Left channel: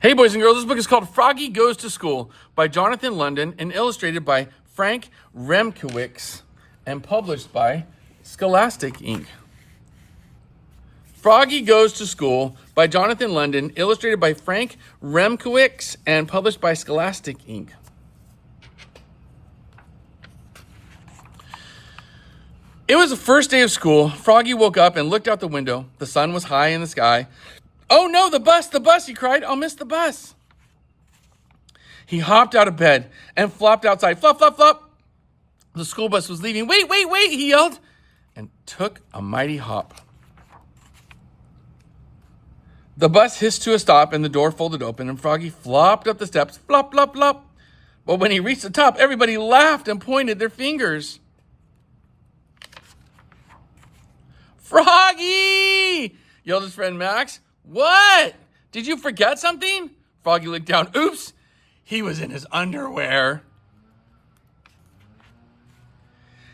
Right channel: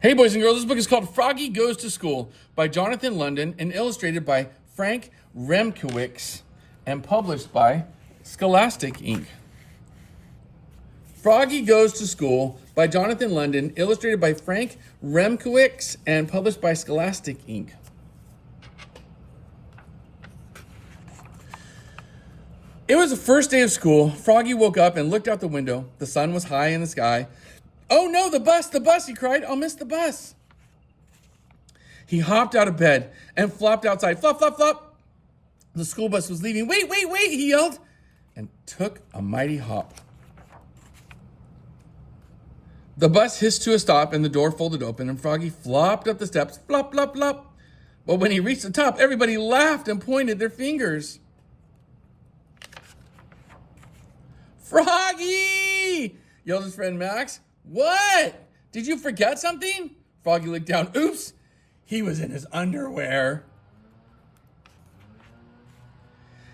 Hey, boys and girls, this book is called Froggy Goes to School by Jonathan London and illustrated by Frank Remkewicz and published by Scholastic INC. Froggy Goes to School by Jonathan London, illustrated by Frank Remkewicz and published by Scholastic INC. It was the first day of school. Froggy woke up and looked out the window. The sun was high in the sky. "Oh no, the bus," he cried. "I'll miss the bus." He hopped out of bed and flopped outside. Flop, flop, flop. The school bus was leaving. "Wait, wait, wait," he yelled, and took a mighty hop. The bus hissed to a stop and the door folded open and Froggy flopped up the steps. Flop, flop, flop. But when he reached the top, everybody laughed and pointed their fingers. "Froggy!" yelled his friend Max. "What? Did you forget something?" Froggy looked down. Oops, he was in his underwear.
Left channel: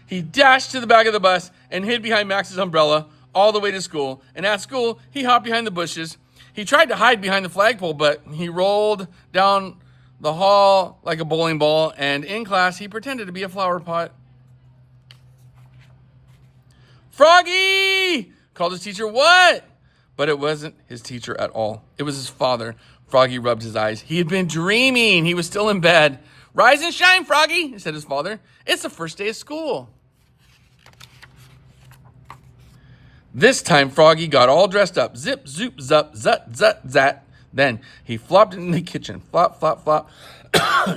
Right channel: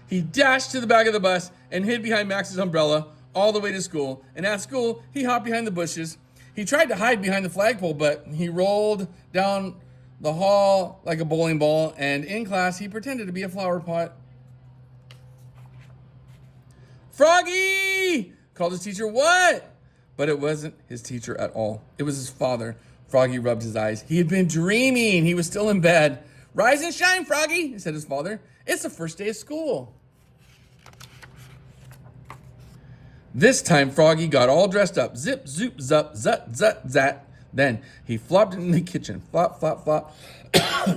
He dashed to the back of the bus and hid behind Max's umbrella all the way to school. And at school, he hopped behind the bushes. He tried to hide behind the flagpole, but he rolled down the hall like a bowling ball. And in class, he pretended to be a flower pot. "Froggy!" called his teacher. "What?" But it wasn't his teacher at all. It was his father. Froggy rubbed his eyes. He had been dreaming. He was still in bed. "Rise and shine, Froggy," said his father. "It's the first day of school." This time, Froggy got all dressed up. Zip, zoop, zup, zut, zut, zat. Then he flopped in the kitchen. Flop, flop, flop.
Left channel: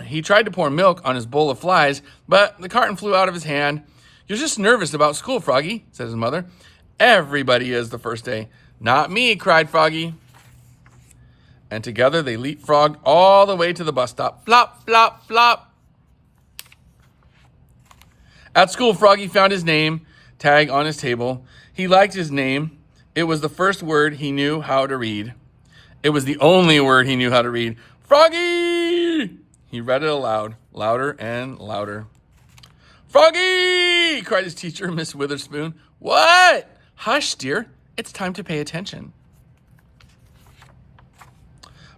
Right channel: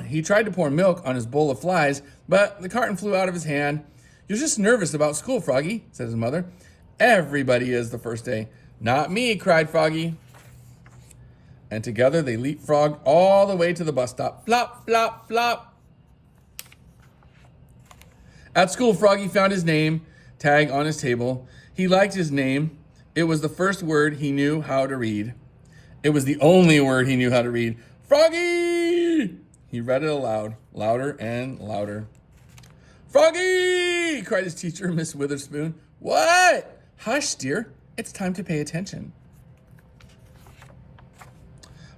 He tried to pour milk on his bowl of flies, but the carton flew out of his hand. "You're just nervous about school, Froggy," said his mother. "Everybody is the first day." "Not me," cried Froggy. And together they leapfrogged all the way to the bus stop. Flop, flop, flop. At school, Froggy found his name tag on his table. He liked his name. It was the first word he knew how to read. It was the only word he knew how to read. "Froggy!" He read it aloud, louder and louder. "Froggy!" cried his teacher, Miss Witherspoon. "What?" "Hush, dear. It's time to pay attention."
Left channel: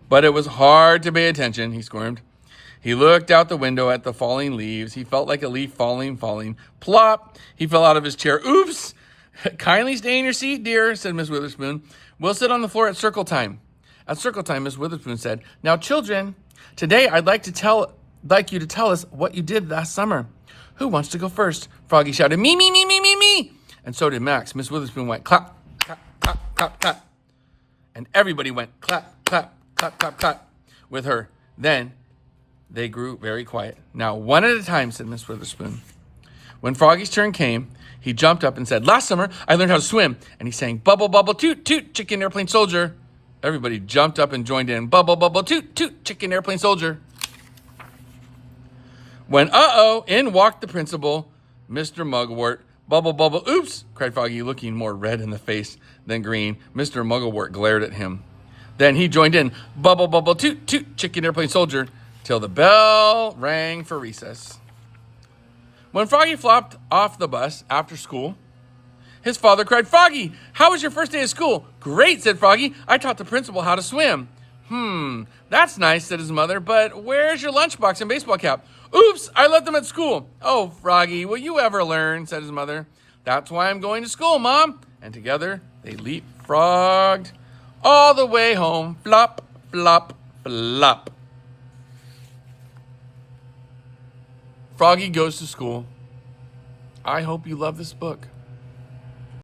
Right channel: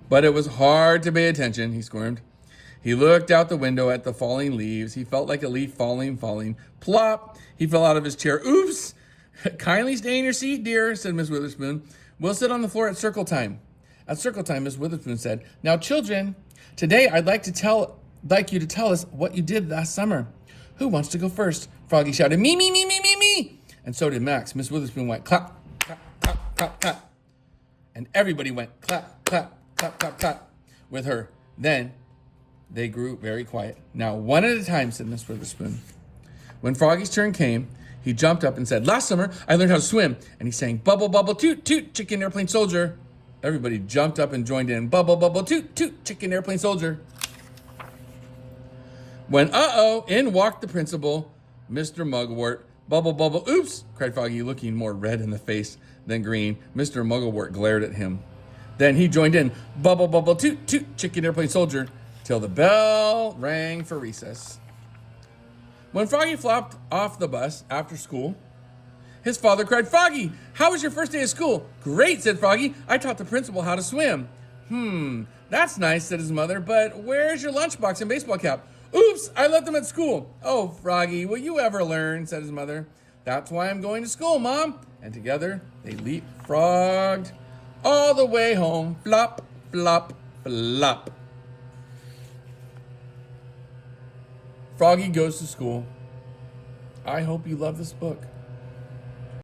But it was hard to pay attention, he squirmed. He looked out the window at the falling leaves. He felt like a leaf falling. Plop! He fell out of his chair. "Oops! Kindly stay in your seat, dear," said Miss Witherspoon. "We'll sit on the floor at circle time." At circle time, Miss Witherspoon said, "Now, children, today I'd like you to tell us what you did last summer." "Who wants to go first?" Froggy shouted. "Me, me, me, me, me, me." And so did Max. Miss Witherspoon went clap, clap, clap, clap, clap. And everybody went clap, clap, clap, clap, clap with her. Then they grew very quiet. "Now, one at a time," said Miss Witherspoon. When Froggy's turn came, he jumped up and said, "Last summer, I learned how to swim." And he sang, "Bubble, bubble, toot, toot, chicken airplane soldier." Everybody jumped up and joined in. "Bubble, bubble, toot, toot, chicken airplane soldier." When in walked the principal, Mr. Mugwort. "Bubble, bubble, oops," cried Froggy, looking more red in the face than green. Mr. Mugwort glared at him. Then he joined in, "Bubble, bubble, toot, toot, chicken airplane soldier," till the bell rang for recess. When Froggy flopped off the bus after school, his father cried, "Froggy, how was your first day of school?" "Great," said Froggy. "I taught the principal how to swim." That's nice," said his mother, "but where's your lunchbox and baseball cap?" "Oops, I left them at school." "Oh, Froggy, will you ever learn?" said his mother. "That's why I'm going to school, Mom." And together they leapfrogged all the way home. Flop, flop, flop. Froggy Goes to School. I hope you love this book.